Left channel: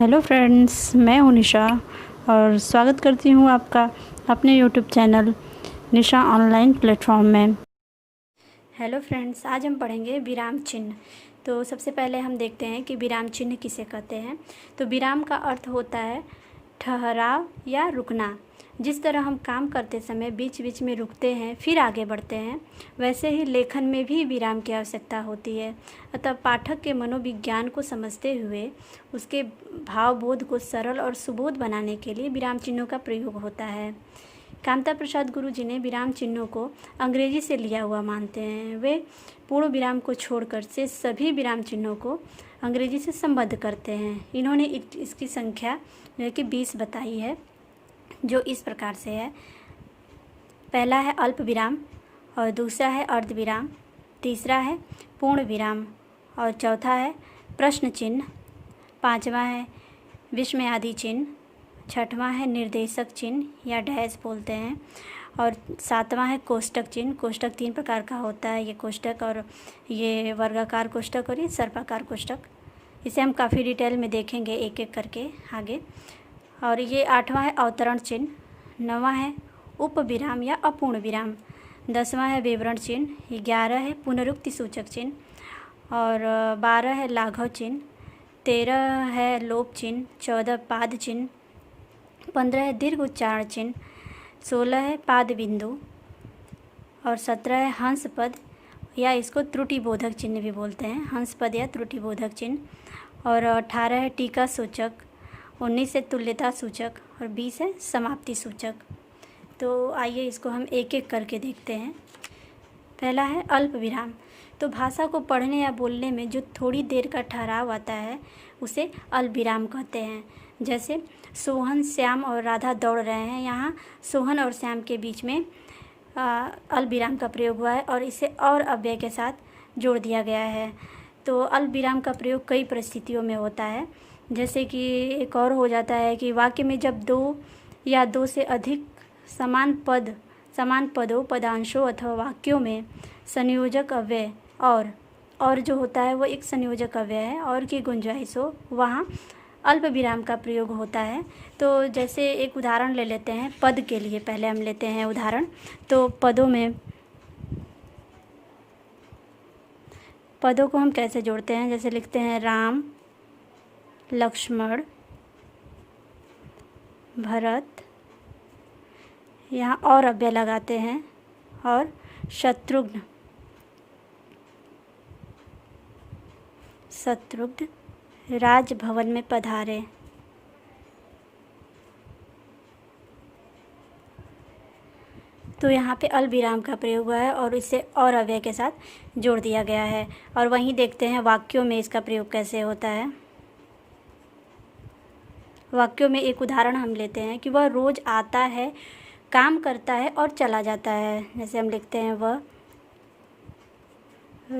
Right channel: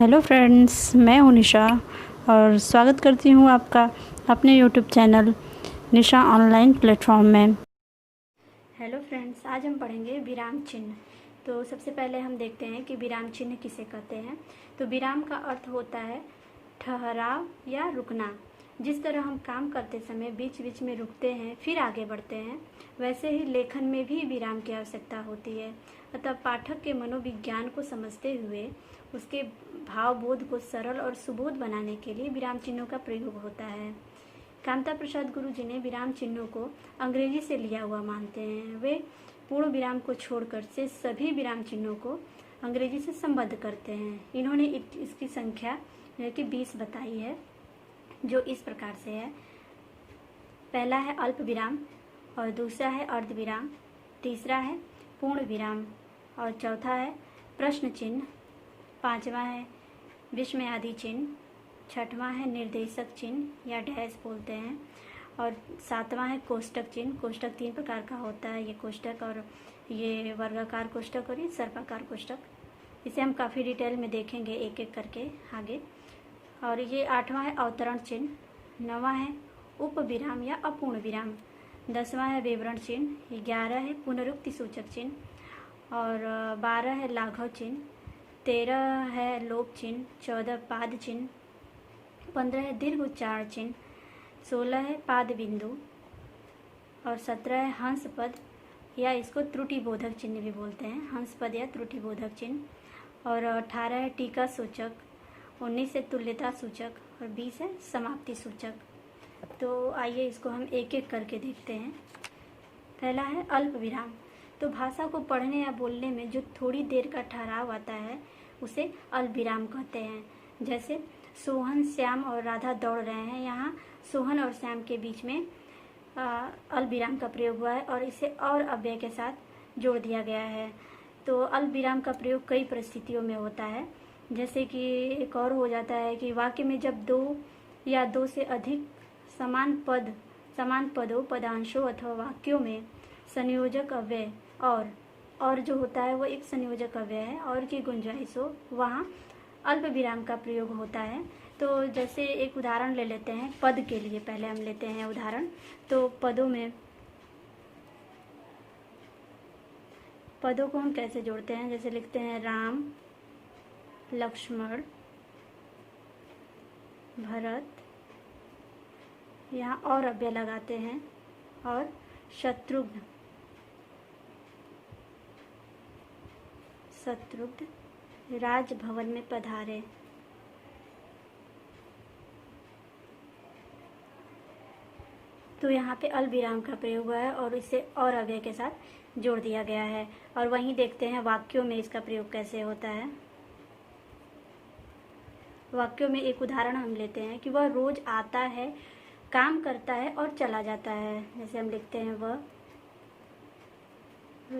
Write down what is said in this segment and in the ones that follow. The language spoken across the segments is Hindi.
हेलो फ्रेंड्स, मैं हूँ निशा और स्वागत करती हूँ आपका अपने यूट्यूब चैनल निशा ऑनलाइन प्लेटफॉर्म में। हेलो फ्रेंड्स, आज हम पढ़ेंगे विराम चिन्ह। तो सबसे पहले हम देखते हैं कि विराम चिन्ह किसे कहते हैं। तो विराम का अर्थ होता है ठहराव या रुकना। जिस तरह हम काम करते समय बीच बीच में रुकते हैं फिर आगे बढ़ते हैं, वैसे ही लेखन में भी विराम की आवश्यकता होती है। अतः पाठक के मनोविज्ञान को समझते हुए उसके भावबोध को सरल और सुबोध बनाने के लिए विराम चिन्हों का प्रयोग होता है। कामता प्रसाद गुरु जी ने विराम चिन्हों को अंग्रेजी से लिया हुआ मानते हैं। वे पूर्ण विराम को छोड़कर से सभी विराम चिन्हों को अंग्रेजी से संबद्ध करते हैं। इन्होंने इसकी संख्या जो कि 20 बताई है, जो इस प्रकार से है। पहला है अल्प विराम, और दूसरा है अर्ध विराम, तीसरा है पूर्ण विराम, और चौथा है प्रश्न चिन्ह, पांचवा है विस्मयादि चिन्ह, छठवां है निर्देशक चिन्ह या डैश बोलते हैं, और सातवां है कोष्टक चिन्ह। कोष्टक 3 प्रकार का होता है, ये कोष्टक और ये वर्गाकार कोष्टक और ये सर्पाकार कोष्टक। इसे हम काफ़ी डिटेल में देखेंगे एक एक करके आगे। और ये 8वां है अवतरण चिन्ह, 9वां है उप विराम या अपूर्ण विराम, 10वां है विवरण चिन्ह, 11 है पुनरुक्ति सूचक चिन्ह, और 12 है लाघव चिन्ह, 13 है लोप चिन्ह, 14 पाद चिन्ह, 15 है दीर्घ उच्चारण चिन्ह, 16 है पाद बिंदु, और 17 है हंस पद या इसको त्रुटि बोधक चिन्ह भी बोलते हैं, हंस पद या त्रुटि बोधक चिन्ह, और 18 है टीका सूचक, 19 है तुल्यता सूचक, और 20 है समाप्ति सूचक। तो आइए इसको हम एक एक करके देखते हैं। पहला है अल्प विराम। तो भाषा को पढ़ने या बोलने में जो थोड़ी देर का ठहराव आता है उसे अल्प विराम कहते हैं। जैसे सोहन, श्याम और राधा दौड़ रहे हैं, यहाँ सोहन और श्याम के बीच में अल्प विराम का प्रयोग हुआ है और इसे और अव्यय के साथ जोड़ दिया गया है। तो अल्प विराम का प्रयोग कई परिस्थितियों में होता है। जैसे कि एक और हो जाता है कि वाक्य में जब 2 या 2 से अधिक समान पदों, पदांशों अथवा वाक्यों में संयोजक अव्यय और जो होता है वो एक संयोजक अव्यय है और की गुंजाइश हो, वहाँ अल्प विराम का प्रयोग होता है। तो जैसे एक उदाहरण ले लेते हैं पद के लिए। पहले हम लेते हैं उदाहरण। तो पदों को हम कैसे जोड़ते हैं, जैसे लिखते हैं राम, लक्ष्मण, भरत, यहाँ और अव्यय लगाते हैं, और शत्रुघ्न राजभवन में पधारे। तो यहाँ पे अल्प विराम का प्रयोग हुआ है और इसे और अव्यय के साथ जोड़ दिया गया है। और वहीं देखते हैं वाक्यों में इसका प्रयोग कैसे होता है। वाक्यों में एक उदाहरण हम लेते हैं कि वह रोज आता है, काम करता है और चला जाता है। जैसे हम लिखते हैं वह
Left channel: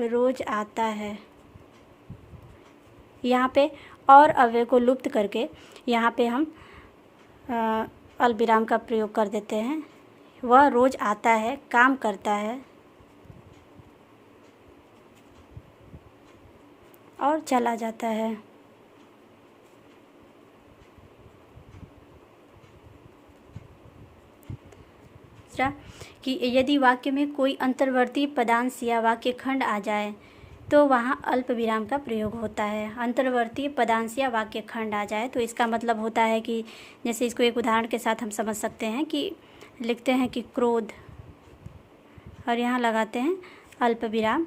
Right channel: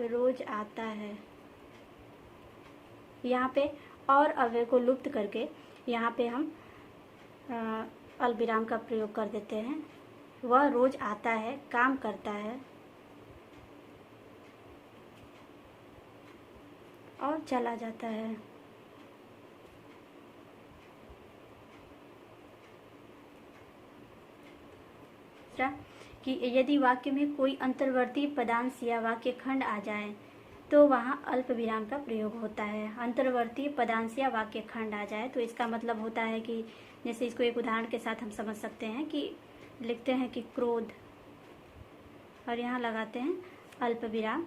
रोज आता है। यहाँ पे और अव्यय को लुप्त करके यहाँ पे हम अल्प विराम का प्रयोग कर देते हैं। वह रोज आता है, काम करता है और चला जाता है। कि यदि वाक्य में कोई अंतर्वर्ती पदांश या वाक्य खंड आ जाए तो वहाँ अल्प विराम का प्रयोग होता है। अंतर्वर्ती पदांश या वाक्य खंड आ जाए तो इसका मतलब होता है कि जैसे इसको एक उदाहरण के साथ हम समझ सकते हैं कि लिखते हैं कि क्रोध, और यहाँ लगाते हैं अल्प विराम।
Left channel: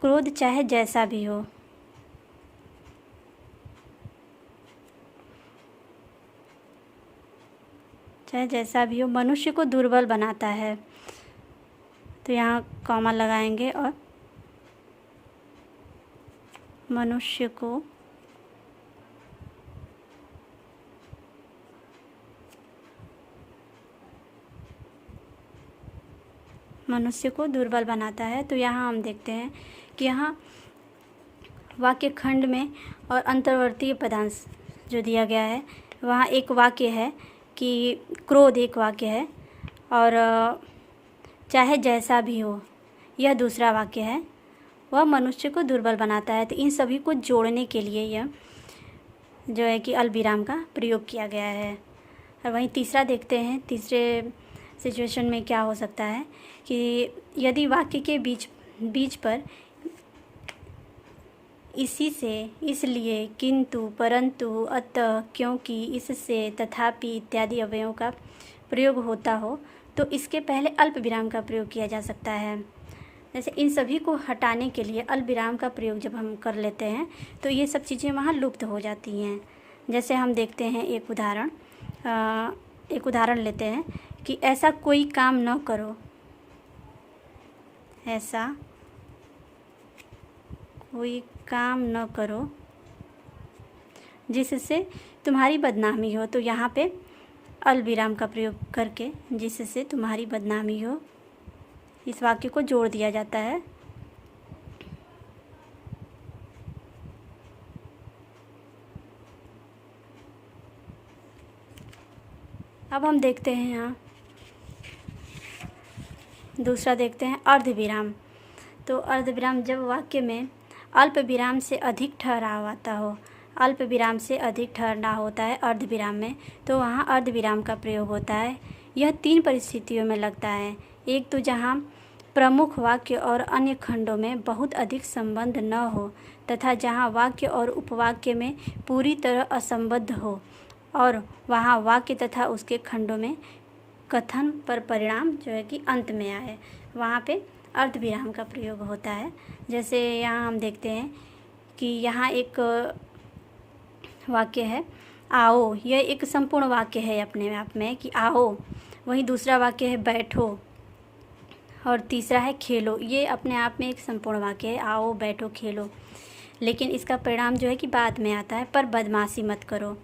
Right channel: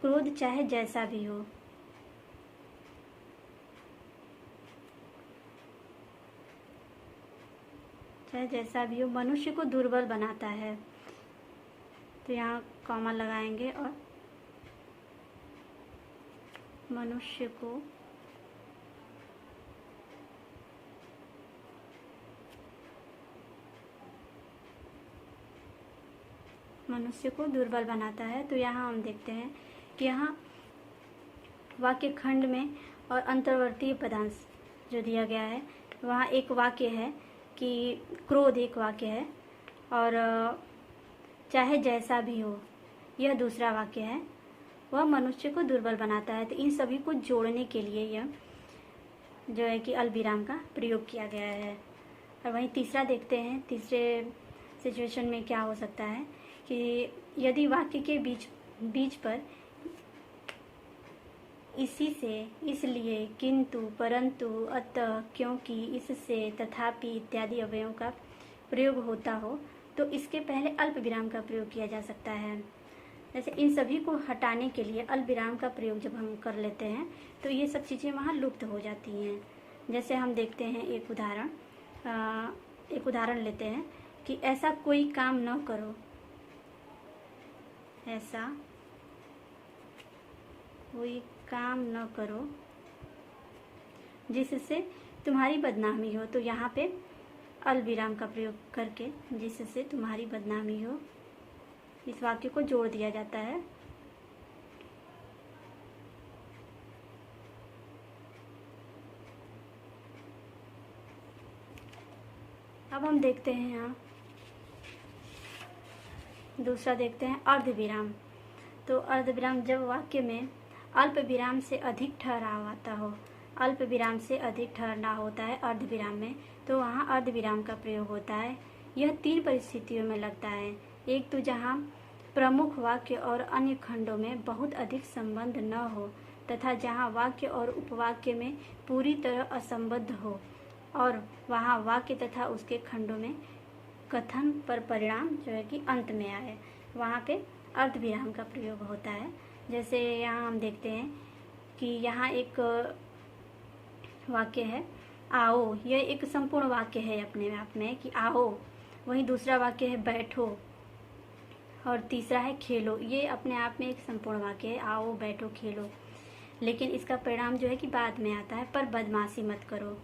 क्रोध चाहे जैसा भी हो, मनुष्य को दुर्बल बनाता है। तो यहाँ कॉमा लगाएंगे और मनुष्य को दुर्बल बनाता है। तो यहाँ हम देखते हैं कि यहाँ वाक्य खंड में और अंतर्वर्ती पदांश जो दिया गया है, वहाँ एक वाक्य है कि क्रोध एक वाक्य है और चाहे जैसा भी हो यह दूसरा वाक्य है, वह मनुष्य को दुर्बल बनाता है। तो इन सभी को जोड़ने के लिए यह जो है कि अल्पविराम का प्रयोग किया गया है। और वहीं तीसरा देखते हैं, तीसरे सिचुएशन में क्या हो सकता है कि यदि वाक्य के बीच पर इसी से, इसलिए, किंतु, परंतु, अतः, क्योंकि, इससे, तथापि इत्यादि अवयवों का प्रयोग होता हो तो इसके पहले अल्प विराम का प्रयोग किया जा सकता है। जैसे इन सभी को हटाने के लिए अल्प विराम का प्रयोग जब हम कर लेते हैं तो ये सब चीज़ें वहाँ लुप्त हो जाती हैं। जैसे हम देखते हैं एक उदाहरण लेते हैं कि ऐसा कोई काम न करो, ऐसा कोई काम न करो जिससे तुम्हारी बदनामी हो। तो यहाँ पे अल्पविराम का प्रयोग करके जिससे तुम्हारी बदनामी हो, इस वाक्य को जोड़ दिया जाता है। अब हम देखते हैं यहाँ दूसरा देखते हैं अर्धविराम। तो अर्धविराम जब वाक्य में अल्प विराम से अधिक ठहराव आता हो, अल्प विराम से अधिक ठहराव होता है अर्धविराम में, तो वहाँ अर्धविराम का प्रयोग होता है। यह 3 परिस्थितियों में लगता है। एक तो जहाँ प्रमुख वाक्य और अन्य खंडों में बहुत अधिक संबंध न हो तथा जहाँ वाक्य और उपवाक्य में पूरी तरह असंबद्ध हो और वहाँ वाक्य तथा उसके खंडों में कथन पर परिणाम जो है कि अंत में आए, वहाँ पे अर्धविराम का प्रयोग होता है। जैसे यहाँ हम देखते हैं कि यहाँ एक वाक्य है आओ, यह एक संपूर्ण वाक्य है अपने आप में कि आओ। वहीं दूसरा वाक्य है बैठो और तीसरा है खेलो। ये अपने आप में एक संपूर्ण वाक्य है, आओ, बैठो, खेलो। लेकिन इसका परिणाम जो है कि बाद में आता है, पर बदमाशी मत करो।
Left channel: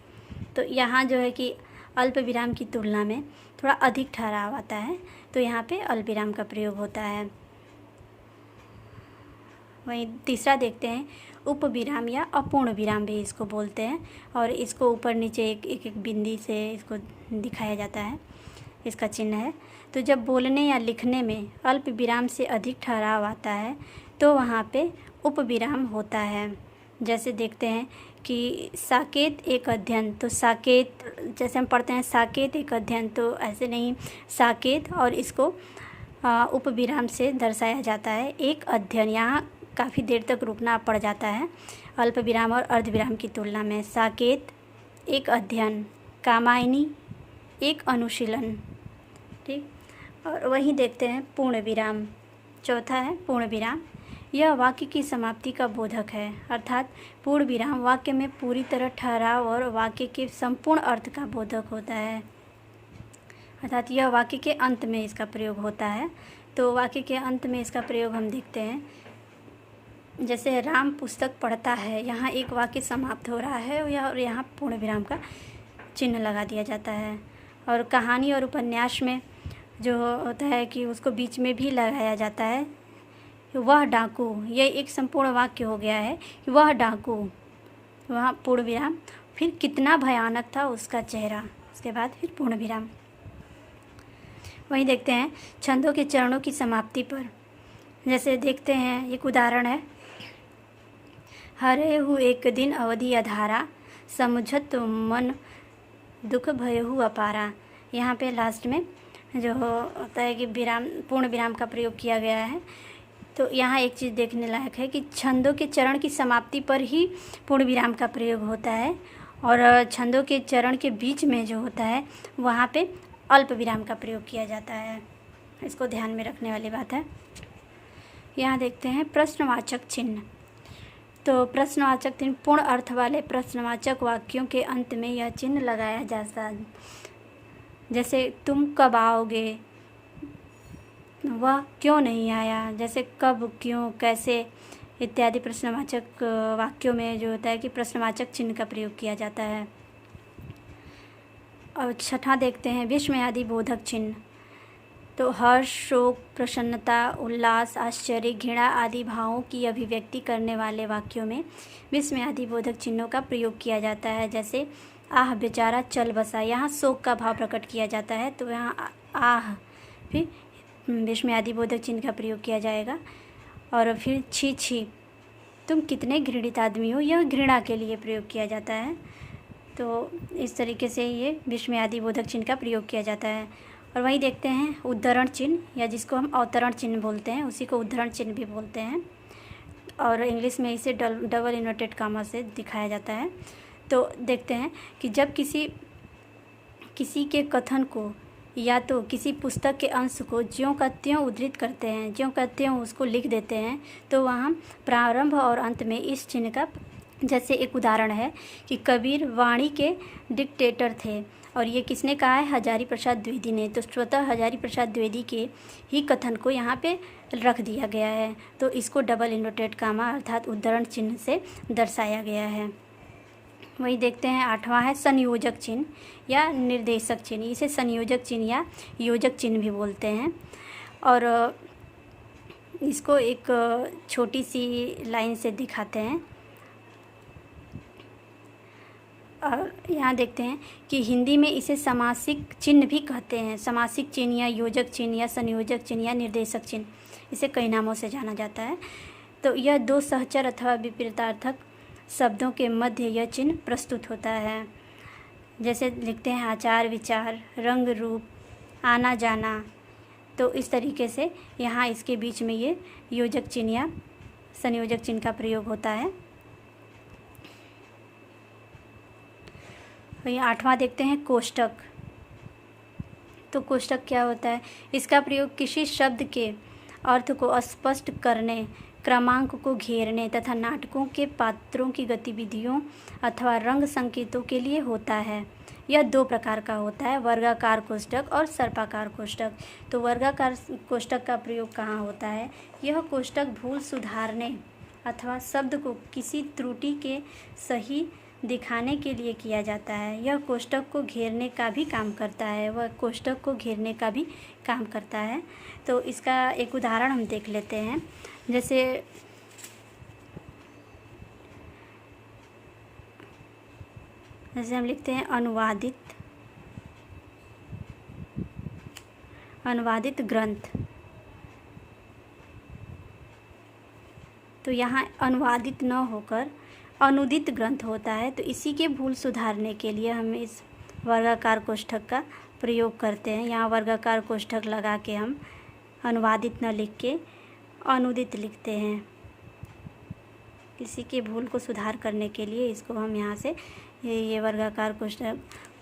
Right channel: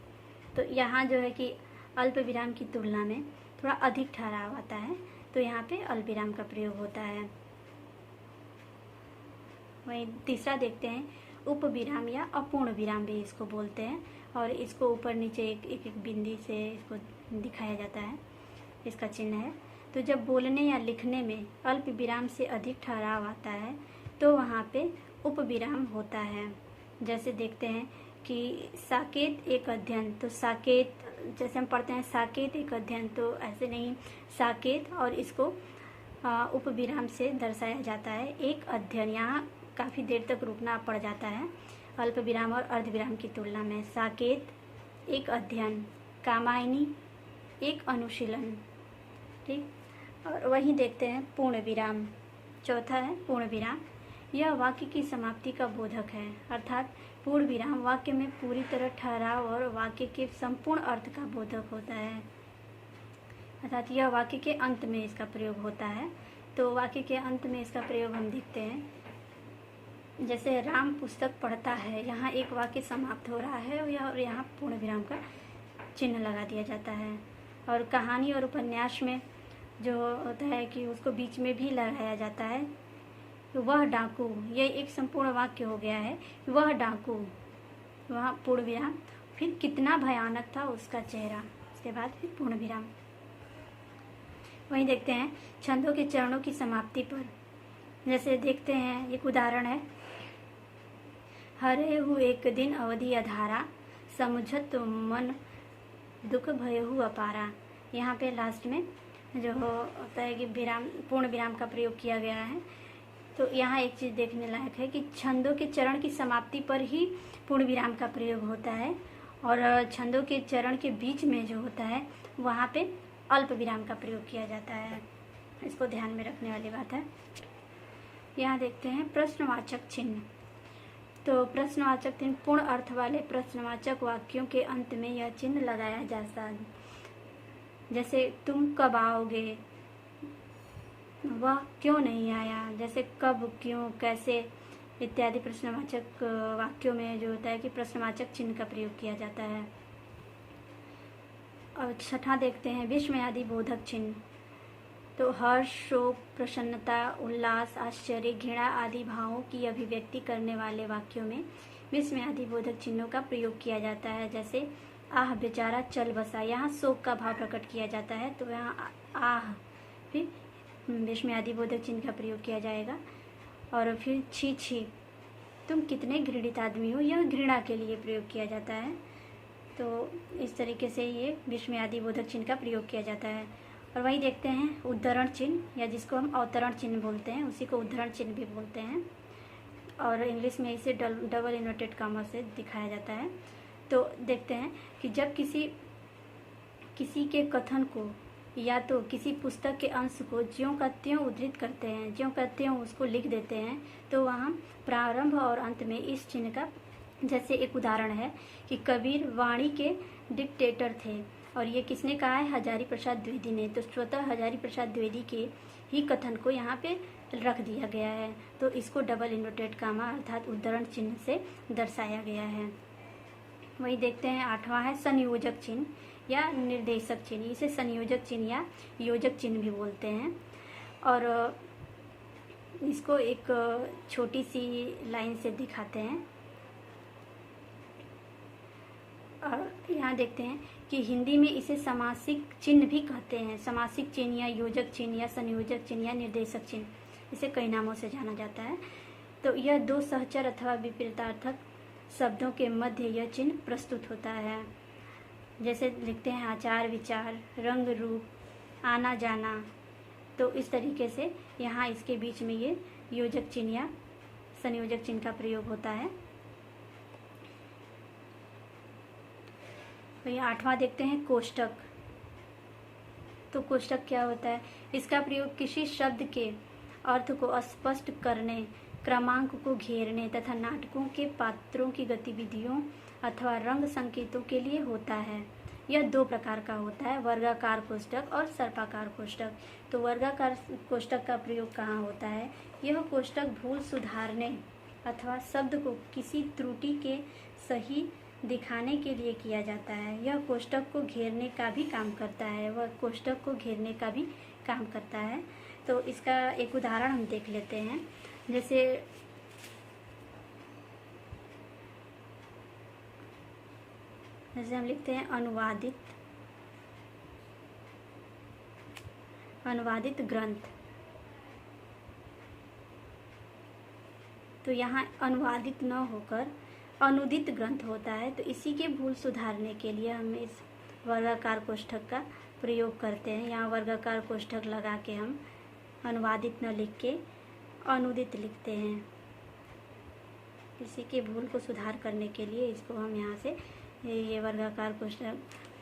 तो यहाँ जो है कि अल्प विराम की तुलना में थोड़ा अधिक ठहराव आता है, तो यहाँ पे अल्प विराम का प्रयोग होता है। वहीं तीसरा देखते हैं उपविराम या अपूर्ण विराम भी इसको बोलते हैं, और इसको ऊपर नीचे एक बिंदी से इसको दिखाया जाता है, इसका चिन्ह है। तो जब बोलने या लिखने में अल्प विराम से अधिक ठहराव आता है तो वहाँ पे उपविराम होता है। जैसे देखते हैं कि साकेत एक अध्ययन, तो साकेत जैसे हम पढ़ते हैं साकेत एक अध्ययन, तो ऐसे नहीं, साकेत और इसको उपविराम से दर्शाया जाता है एक अध्ययन। यहाँ काफ़ी देर तक रुकना पड़ जाता है अल्प विराम और अर्धविराम की तुलना में। साकेत एक अध्ययन, कामायनी एक अनुशीलन, ठीक। और वहीं देखते हैं पूर्ण विराम, चौथा है पूर्ण विराम। यह वाक्य की समाप्ति का बोधक है, अर्थात पूर्ण विराम वाक्य में पूरी तरह ठहराव और वाक्य के संपूर्ण अर्थ का बोधक होता है, अर्थात यह वाक्य के अंत में इसका प्रयोग होता है। तो वाक्य के अंत में इसका प्रयोग हम देखते हैं, जैसे राम पुस्तक पढ़ता है, यहाँ एक वाक्य समाप्त हो रहा है और यहाँ पूर्ण विराम का चिन्ह लगा दिया जाता है। और कहानी और उपन्यास में जो होता है कि उसको बीच में भी लगाया जाता है। वह डाकू, ये एक संपूर्ण वाक्य हो गया है, वह डाकू, वहाँ पूर्ण विराम, फिर कितना भयानक था उसका चेहरा, उसके बाद फिर पूर्ण विराम। वहीं देखते हैं छंदों के चरणों की समाप्ति पर, जैसे देखते हैं एक उदाहरण है, हरे हु एक दिन अवधि अधारा, समुझत मन दुख भयहु अपारा। यहाँ पे लास्ट में जो होता है कि विराम, पूर्ण विराम का प्रयोग किया गया है। तो यहाँ एक चीज़ देखने लायक है कि छंदों के चरण की समाप्ति पर ही पूर्ण विराम का प्रयोग होता है, और छंदों के चरण के बीच में जो होता है वहाँ पे अल्प विराम का प्रयोग किया जाता है। इसको ध्यान में रखने वाली बात है। यहाँ देखते हैं प्रश्नवाचक चिन्ह। तो प्रश्नवाचक चिन्ह पूर्ण अर्थ वाले प्रश्नवाचक वाक्यों के अंत में यह चिन्ह लगाया जाता है। जैसे तुम कब आओगे, वह क्यों नहीं आया, जैसे कब, क्यों, कैसे इत्यादि प्रश्नवाचक वाक्यों में जो होता है कि प्रश्नवाचक चिन्ह का प्रयोग किया जाता है। और छठा देखते हैं विस्मयादि बोधक चिन्ह। तो हर्ष, शोक, प्रसन्नता, उल्लास, आश्चर्य, घृणा आदि भावों की अभिव्यक्ति करने वाले वाक्यों में विस्मयादि बोधक चिन्हों का प्रयोग किया जाता है। जैसे आह बेचारा चल बसा, यहाँ शोक का भाव प्रकट किया जाता है, तो यहाँ आह फिर विस्मयादि बोधक चिन्ह का प्रयोग किया जाएगा। और फिर छी छी, तुम कितने घृणित आदमी हो, यह घृणा के लिए प्रयोग किया जाता है। तो इस तरीके से ये विस्मयादि बोधक चिन्ह का प्रयोग किया जाता है। और वहीं देखते हैं उद्धरण चिन्ह, या जिसको हम अवतरण चिन्ह बोलते हैं, उसी को उद्धरण चिन्ह भी बोलते हैं, और इंग्लिश में इसे डबल इन्वर्टेड कामा से दिखाया जाता है। तो देखते हैं कि जब किसी के कथन को या तो किसी पुस्तक के अंश को ज्यों का त्यों उद्धृत करते हैं, ज्यों का त्यों उसको लिख देते हैं, तो वहाँ प्रारंभ और अंत में इस चिन्ह का, जैसे एक उदाहरण है कि कबीर वाणी के डिक्टेटर थे, और ये किसने कहा है? हजारी प्रसाद द्विवेदी ने। तो स्वतः हजारी प्रसाद द्विवेदी के ही कथन को यहाँ पे रख दिया गया है, तो इसको डबल इन्वर्टेड कामा अर्थात उद्धरण चिन्ह से दर्शाया गया है। वही देखते हैं 8वां है संयोजक चिन्ह या निर्देशक चिन्ह। इसे संयोजक चिन्ह या योजक चिन्ह भी बोलते हैं, और इसको एक छोटी सी लाइन से दिखाते हैं। और यहाँ देखते हैं कि हिंदी में इसे समासिक चिन्ह भी कहते हैं। समासिक चिन्ह या योजक चिन्ह या संयोजक चिन्ह या निर्देशक चिन्ह, इसे कई नामों से जाना जाता है। तो यह दो सहचर अथवा विपरीतार्थक शब्दों के मध्य यह चिन्ह प्रस्तुत होता है। जैसे लिखते हैं आचार विचार, रंग रूप, आना जाना। तो इस तरीके से यहाँ इसके बीच में ये योजक चिन्ह या संयोजक चिन्ह का प्रयोग होता है। वही 8वां देखते हैं कोष्टक। तो कोष्टक क्या होता है? इसका प्रयोग किसी शब्द के अर्थ को स्पष्ट करने, क्रमांक को घेरने तथा नाटकों के पात्रों की गतिविधियों अथवा रंग संकेतों के लिए होता है। यह 2 प्रकार का होता है, वर्गाकार कोष्टक और सर्पाकार कोष्टक। तो वर्गाकार कोष्टक का प्रयोग कहाँ होता है? यह कोष्टक भूल सुधारने अथवा शब्द को किसी त्रुटि के सही दिखाने के लिए किया जाता है। यह कोष्टक को घेरने का भी काम करता है, वह कोष्टक को घेरने का भी काम करता है। तो इसका एक उदाहरण हम देख लेते हैं। जैसे हम लिखते हैं अनुवादित ग्रंथ। तो यहाँ अनुवादित न होकर अनुदित ग्रंथ होता है। तो इसी के भूल सुधारने के लिए हम इस वर्गाकार कोष्ठक का प्रयोग करते हैं। यहाँ वर्गाकार कोष्ठक लगा के हम अनुवादित न लिख के अनुदित लिखते हैं। किसी के भूल को सुधार करने के लिए इसको हम यहाँ से ये वर्गाकार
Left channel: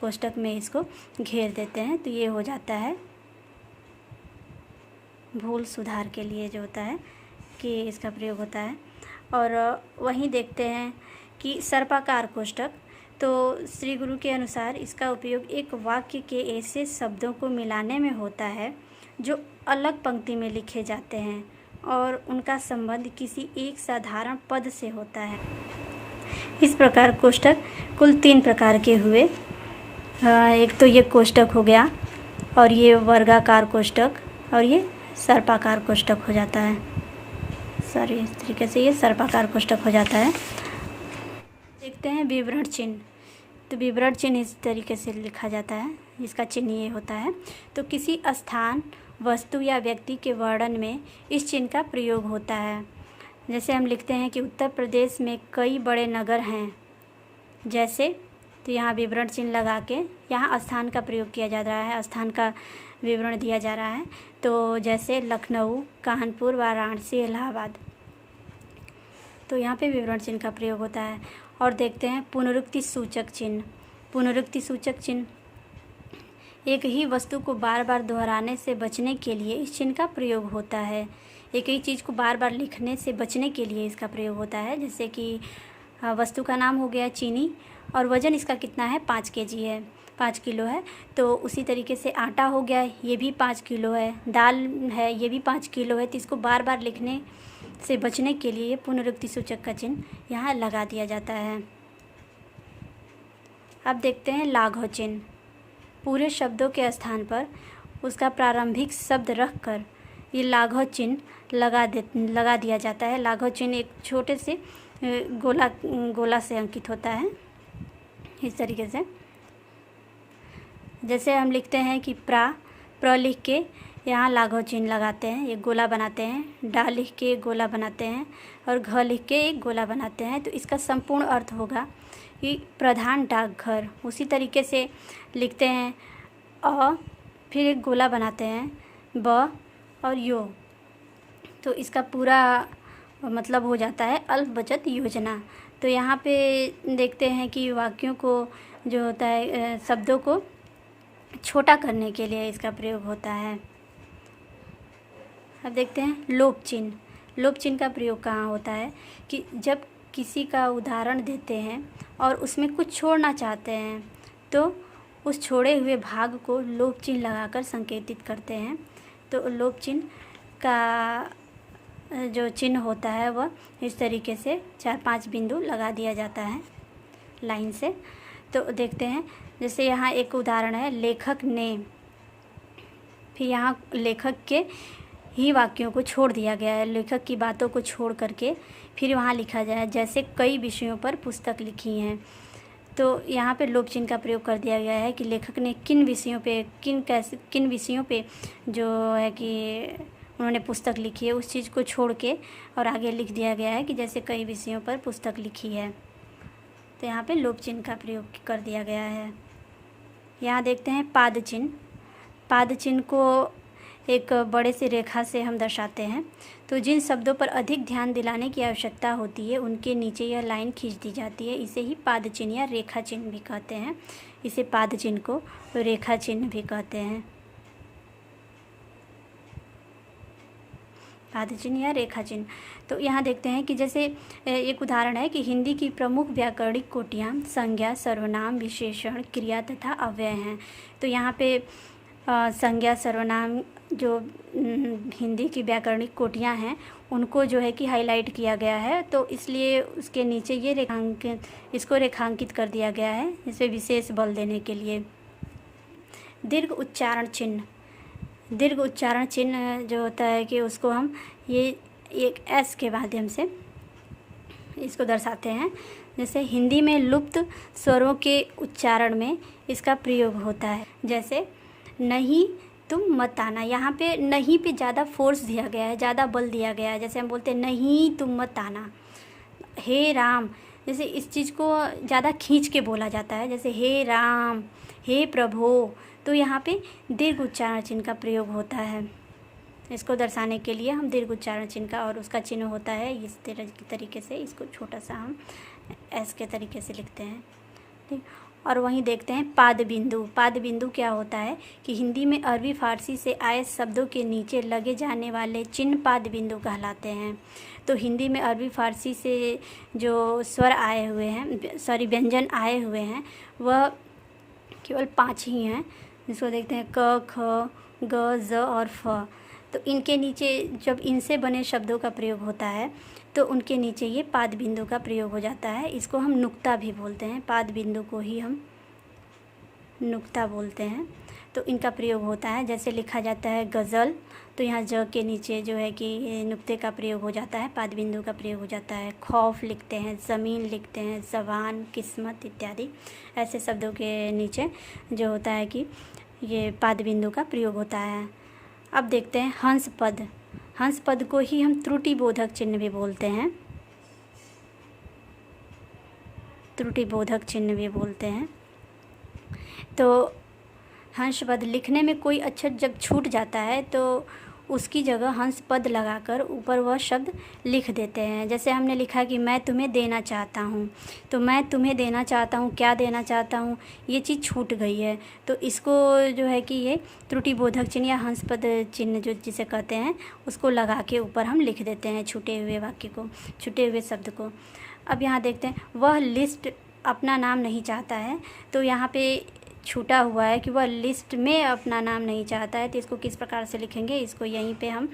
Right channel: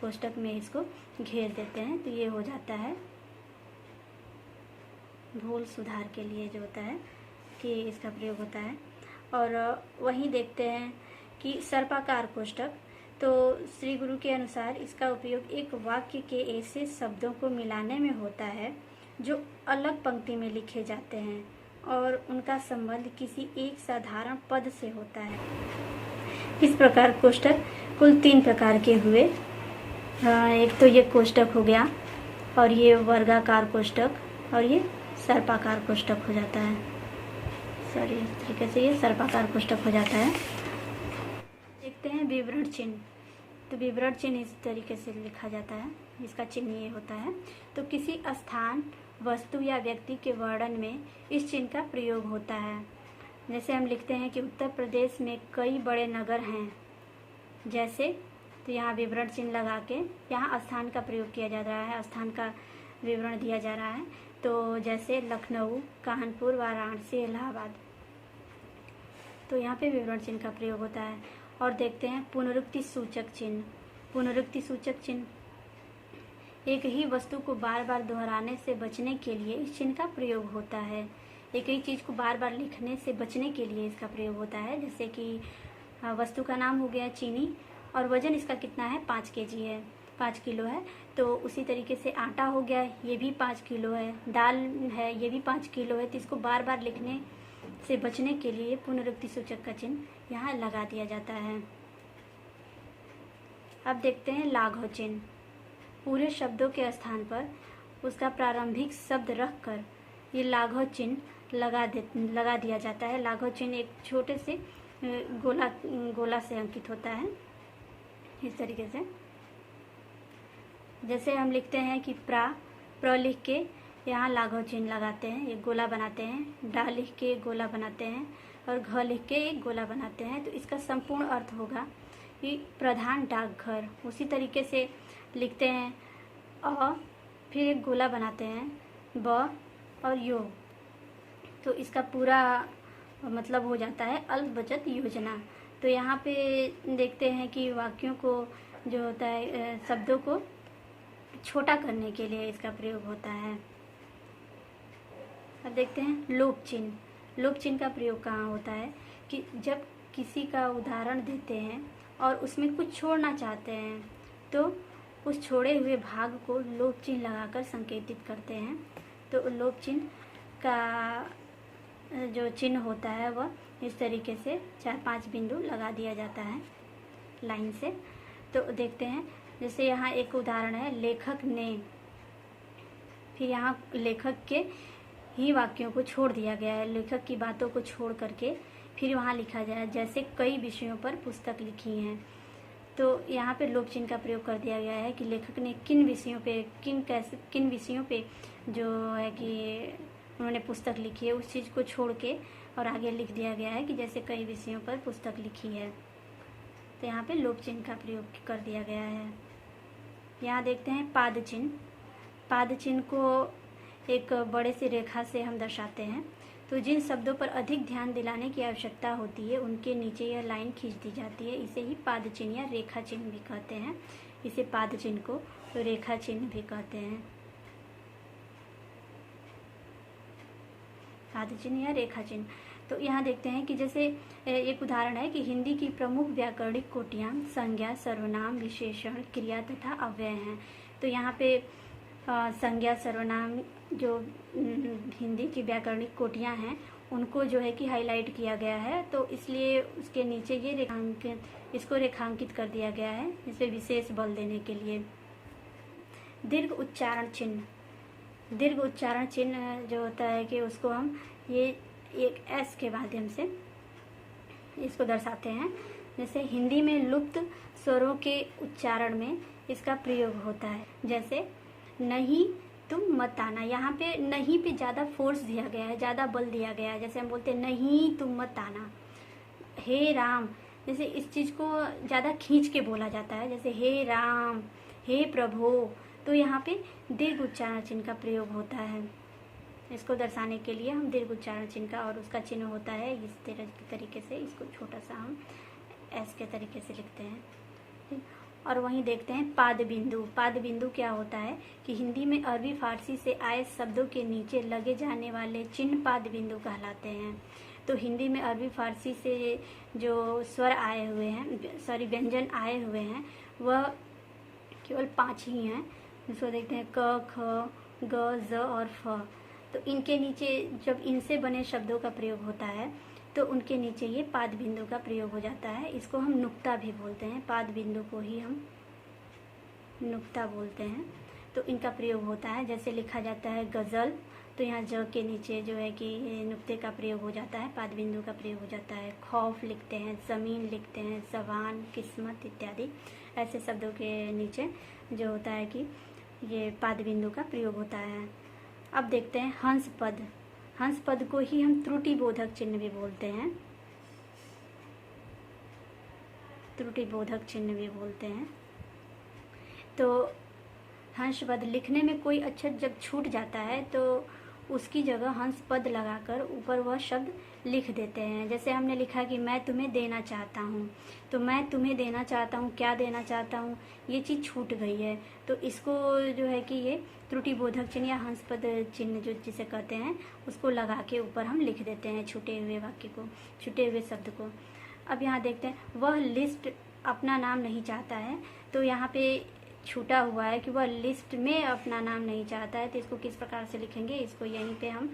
कोष्ठक में इसको घेर देते हैं। तो ये हो जाता है भूल सुधार के लिए जो होता है कि इसका प्रयोग होता है। और वहीं देखते हैं कि सर्पाकार कोष्ठक, तो श्री गुरु के अनुसार इसका उपयोग एक वाक्य के ऐसे शब्दों को मिलाने में होता है जो अलग पंक्ति में लिखे जाते हैं और उनका संबंध किसी एक साधारण पद से होता है। इस प्रकार कोष्ठक कुल 3 प्रकार के हुए। एक तो ये कोष्ठक हो गया, और ये वर्गाकार कोष्ठक, और ये सर्पाकार कोष्ठक हो जाता है। सॉरी, इस तरीके से ये सर्पाकार कोष्ठक हो जाता है। देखते हैं विवरण चिन्ह। तो विवरण चिन्ह इस तरीके से लिखा जाता है, इसका चिन्ह ये होता है। तो किसी स्थान, वस्तु या व्यक्ति के वर्णन में इस चिन्ह का प्रयोग होता है। जैसे हम लिखते हैं कि उत्तर प्रदेश में कई बड़े नगर हैं जैसे, तो यहाँ विवरण चिन्ह लगा के यहाँ स्थान का प्रयोग किया जा रहा है, स्थान का विवरण दिया जा रहा है। तो जैसे लखनऊ, कानपुर, वाराणसी, इलाहाबाद, तो यहाँ पे विवरण चिन्ह का प्रयोग होता है। और देखते हैं पुनरुक्ति सूचक चिन्ह। पुनरुक्ति सूचक चिन्ह एक ही वस्तु को बार बार दोहराने से बचने के लिए इस चिन्ह का प्रयोग होता है। एक ही चीज़ को बार बार लिखने से बचने के लिए इसका प्रयोग होता है। जैसे कि वस्तु का नाम हो गया चीनी, और वज़न इसका कितना है? 5 केजी है, 5 किलो है। तो उसी तरीके से आटा हो गया, ये भी 5 किलो है। दाल है, ये भी 5 किलो है। तो इसको बार बार लिखने से बचने के लिए पुनरुक्ति सूचक का चिन्ह यहाँ लगा दिया जाता है। अब देखते हैं लाघव चिन्ह। पूरे शब्दों के स्थान पर उसका प्रारंभिक शब्द रख कर ये लाघव चिन्ह लगा दिया जाता है। लाघव चिन्ह एक छोटे से गोला से अंकित होता है, इस तरीके से। जैसे हम लिखते हैं कि प्र लिख के यहाँ लाघव चिन्ह लगाते हैं, एक गोला बनाते हैं। डा लिख के एक गोला बनाते हैं, और घ लिख के एक गोला बनाते हैं। तो इसका संपूर्ण अर्थ होगा कि प्रधान डाकघर, उसी तरीके से लिखते हैं। फिर एक गोला बनाते हैं ब और यो, तो इसका पूरा मतलब हो जाता है अल्प बचत योजना। तो यहाँ पे देखते हैं कि वाक्यों को जो होता है शब्दों को छोटा करने के लिए इसका प्रयोग होता है। अब देखते हैं लोप चिन्ह। लोप चिन्ह का प्रयोग कहाँ होता है कि जब किसी का उदाहरण देते हैं और उसमें कुछ छोड़ना चाहते हैं तो उस छोड़े हुए भाग को लोप चिन्ह लगाकर संकेतित करते हैं। तो लोप चिन्ह का जो चिन्ह होता है वह इस तरीके से 4-5 बिंदु लगा दिया जाता है लाइन से। तो देखते हैं, जैसे यहाँ एक उदाहरण है, लेखक ने, फिर यहाँ लेखक के ही वाक्यों को छोड़ दिया गया है, लेखक की बातों को छोड़ करके फिर वहाँ लिखा जाए जैसे कई विषयों पर पुस्तक लिखी हैं। तो यहाँ पे लोप चिन्ह का प्रयोग कर दिया गया है कि लेखक ने किन विषयों पे किन विषयों पे जो है कि उन्होंने पुस्तक लिखी है, उस चीज़ को छोड़ के और आगे लिख दिया गया है कि जैसे कई विषयों पर पुस्तक लिखी है। तो यहाँ पे लोप चिन्ह का प्रयोग कर दिया गया है। यहाँ देखते हैं पाद चिन्ह। पाद चिन्ह को एक बड़े से रेखा से हम दर्शाते हैं। तो जिन शब्दों पर अधिक ध्यान दिलाने की आवश्यकता होती है उनके नीचे यह लाइन खींच दी जाती है। इसे ही पाद चिन्ह या रेखा चिन्ह भी कहते हैं। इसे पाद चिन्ह को रेखा चिन्ह भी कहते हैं। पाद चिन्ह या रेखा चिन्ह। तो यहाँ देखते हैं कि जैसे एक उदाहरण है कि हिंदी की प्रमुख व्याकरणिक कोटियाँ संज्ञा, सर्वनाम, विशेषण, क्रिया तथा अव्यय हैं। तो यहाँ पे संज्ञा, सर्वनाम जो हिंदी की व्याकरणिक कोटियाँ हैं उनको जो है कि हाईलाइट किया गया है। तो इसलिए उसके नीचे ये इसको रेखांकित कर दिया गया है, इस पर विशेष बल देने के लिए। दीर्घ उच्चारण चिन्ह। दीर्घ उच्चारण चिन्ह जो होता है कि उसको हम ये एक एस के माध्यम से इसको दर्शाते हैं। जैसे हिंदी में लुप्त स्वरों के उच्चारण में इसका प्रयोग होता है। जैसे नहीं तुम मत आना, यहाँ पे नहीं पे ज़्यादा फोर्स दिया गया है, ज़्यादा बल दिया गया है। जैसे हम बोलते हैं नहीं तुम मत आना। हे राम, जैसे इस चीज़ को ज़्यादा खींच के बोला जाता है, जैसे हे राम, हे प्रभु। तो यहाँ पे दीर्घ उच्चारण चिन्ह का प्रयोग होता है। इसको दर्शाने के लिए हम दीर्घ उच्चारण चिन्ह का, और उसका चिन्ह होता है इस तरीके से, इसको छोटा सा हम एस के तरीके से लिखते हैं। ठीक। और वहीं देखते हैं पाद बिंदु। पाद बिंदु क्या होता है कि हिंदी में अरबी फारसी से आए शब्दों के नीचे लगे जाने वाले चिन्ह पाद बिंदु कहलाते हैं। तो हिंदी में अरबी फारसी से जो स्वर आए हुए हैं, व्यंजन आए हुए हैं, वह केवल 5 ही हैं। जिसको देखते हैं क, ख, ग, ज और फ। तो इनके नीचे जब इनसे बने शब्दों का प्रयोग होता है तो उनके नीचे ये पाद बिंदु का प्रयोग हो जाता है। इसको हम नुक्ता भी बोलते हैं, पाद बिंदु को ही हम नुक्ता बोलते हैं। तो इनका प्रयोग होता है, जैसे लिखा जाता है गज़ल, तो यहाँ ज के नीचे जो है कि नुक्ते का प्रयोग हो जाता है, पाद बिंदु का प्रयोग हो जाता है। खौफ लिखते हैं, ज़मीन लिखते हैं, ज़बान, किस्मत इत्यादि ऐसे शब्दों के नीचे जो होता है कि ये पाद बिंदु का प्रयोग होता है। अब देखते हैं हंस पद। हंस पद को ही हम त्रुटिबोधक चिन्ह भी बोलते हैं, त्रुटिबोधक चिन्ह भी बोलते हैं। तो हंस पद लिखने में कोई अक्षर जब छूट जाता है तो उसकी जगह हंस पद लगाकर ऊपर वह शब्द लिख देते हैं। जैसे हमने लिखा कि मैं तुम्हें देना चाहता हूँ, तो मैं तुम्हें देना चाहता हूँ, क्या देना चाहता हूँ, ये चीज़ छूट गई है। तो इसको जो है कि ये त्रुटिबोधक चिन्ह या हंस पद चिन्ह जो जिसे कहते हैं उसको लगा के ऊपर हम लिख देते हैं छूटे हुए वाक्य को, छूटे हुए शब्द को। अब यहाँ देखते हैं वह लिस्ट अपना नाम नहीं चाहता है। तो यहाँ पे छूटा हुआ है कि वह लिस्ट में अपना नाम नहीं चाहता है। तो इसको किस प्रकार से लिखेंगे, इसको यहीं पे हम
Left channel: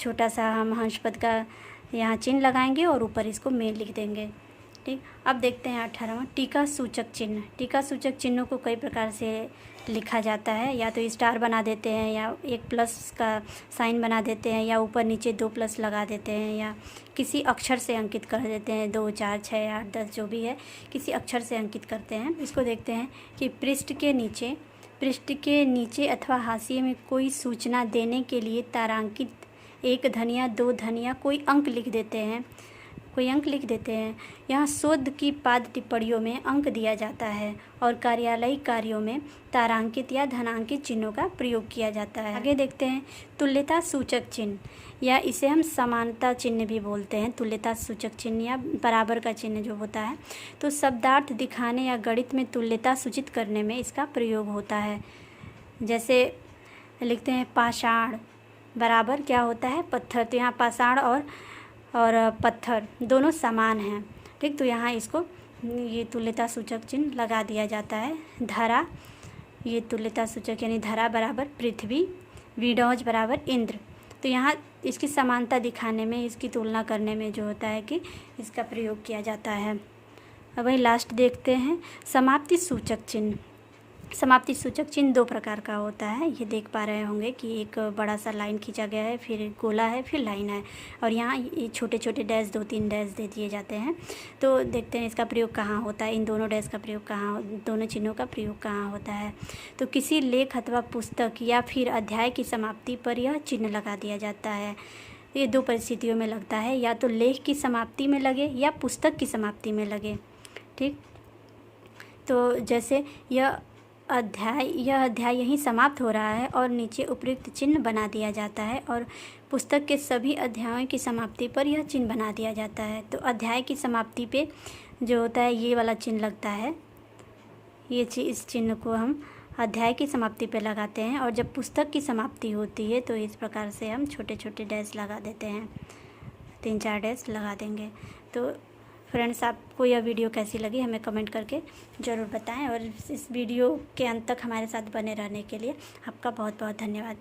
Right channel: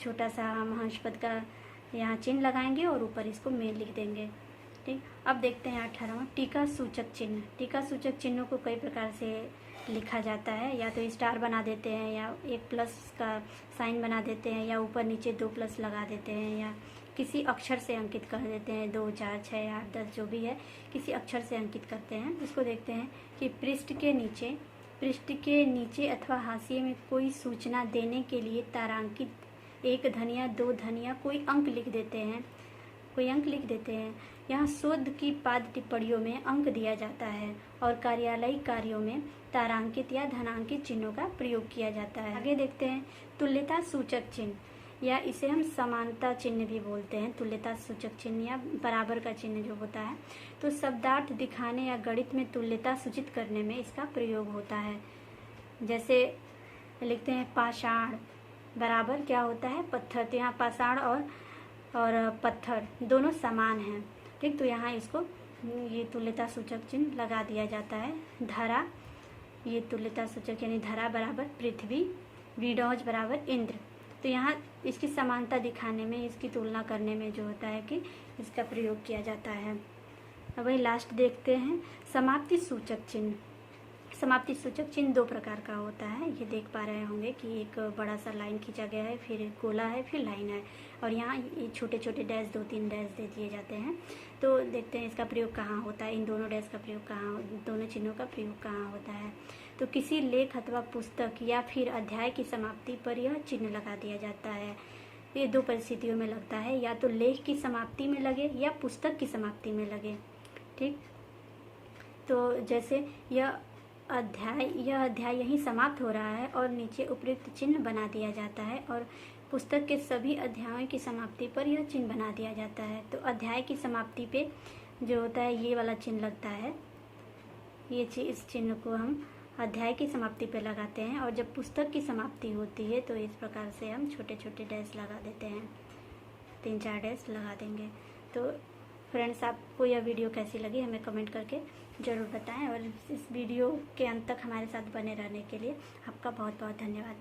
छोटा सा हम हंस पद का यहाँ चिन्ह लगाएंगे और ऊपर इसको में लिख देंगे। ठीक। अब देखते हैं 18वां टीका सूचक चिन्ह। टीका सूचक चिन्हों को कई प्रकार से लिखा जाता है, या तो स्टार बना देते हैं, या एक प्लस का साइन बना देते हैं, या ऊपर नीचे 2 प्लस लगा देते हैं, या किसी अक्षर से अंकित कर देते हैं। 2, 4, 6, 8, 10 जो भी है किसी अक्षर से अंकित करते हैं। इसको देखते हैं कि पृष्ठ के नीचे अथवा हाशिए में कोई सूचना देने के लिए तारांकित 1 धन या 2 धन या कोई अंक लिख देते हैं। कोई अंक लिख देते हैं। यहाँ शोध की पाद टिप्पणियों में अंक दिया जाता है और कार्यालयिक कार्यों में तारांकित या धनांकित चिन्हों का प्रयोग किया जाता है। आगे देखते हैं तुल्यता सूचक चिन्ह, या इसे हम समानता चिन्ह भी बोलते हैं। तुल्यता सूचक चिन्ह या बराबर का चिन्ह जो होता है, तो शब्दार्थ दिखाने या गणित में तुल्यता सूचित करने में इसका प्रयोग होता है। जैसे लिखते हैं पाषाण बराबर क्या होता है, पत्थर। तो यहाँ पाषाण और पत्थर दोनों समान हैं, ठीक। तो यहाँ इसको ये तुल्यता सूचक चिन्ह लगा दिया जाता है। धरा, ये तुल्यता सूचक यानी धरा बराबर पृथ्वी, विडौज बराबर इंद्र। तो यहाँ इसकी समानता दिखाने में, इसकी तुलना करने में जो होता है कि इसका प्रयोग किया जाता है। अब वही लास्ट देखते हैं समाप्ति सूचक चिन्ह। समाप्ति सूचक चिन्ह दो प्रकार का होता है। ये देख पा रहे होंगे कि एक बड़ा सा लाइन खींचा गया है, फिर गोला है, फिर लाइन है, और यहाँ ये छोटे छोटे डैश, 2-3 डैश दे दिए जाते हैं। तो देखते हैं इसका प्रयोग कहाँ होता है, इन दोनों डैश का प्रयोग कहाँ, दोनों चिन्हों का प्रयोग कहाँ होता है। तो किसी लेख अथवा पुस्तक या फिर अध्याय की समाप्ति पर यह चिन्ह लगा दिया जाता है। ये दो परिस्थितियों में लगता है, या तो लेख की समाप्ति में लगे या पुस्तक की समाप्ति में लगे, ठीक। तो जैसे यह अध्याय यहीं समाप्त हो रहा है और नीचे उपयुक्त चिन्ह बना दिया जाता है, और पुस्तक के सभी अध्यायों की समाप्ति पर यह चिन्ह बना दिया जाता है। तो अध्याय की समाप्ति पे जो होता है ये वाला चिन्ह लगता है, इस चिन्ह को हम अध्याय की समाप्ति पे लगाते हैं। और जब पुस्तक की समाप्ति होती है तो इस प्रकार से हम छोटे छोटे डैश लगा देते हैं, 3-4 डैश लगा देंगे। तो फ्रेंड्स, आपको यह वीडियो कैसी लगी हमें कमेंट करके ज़रूर बताएं, और इस वीडियो के अंत तक हमारे साथ बने रहने के लिए आपका बहुत बहुत धन्यवाद।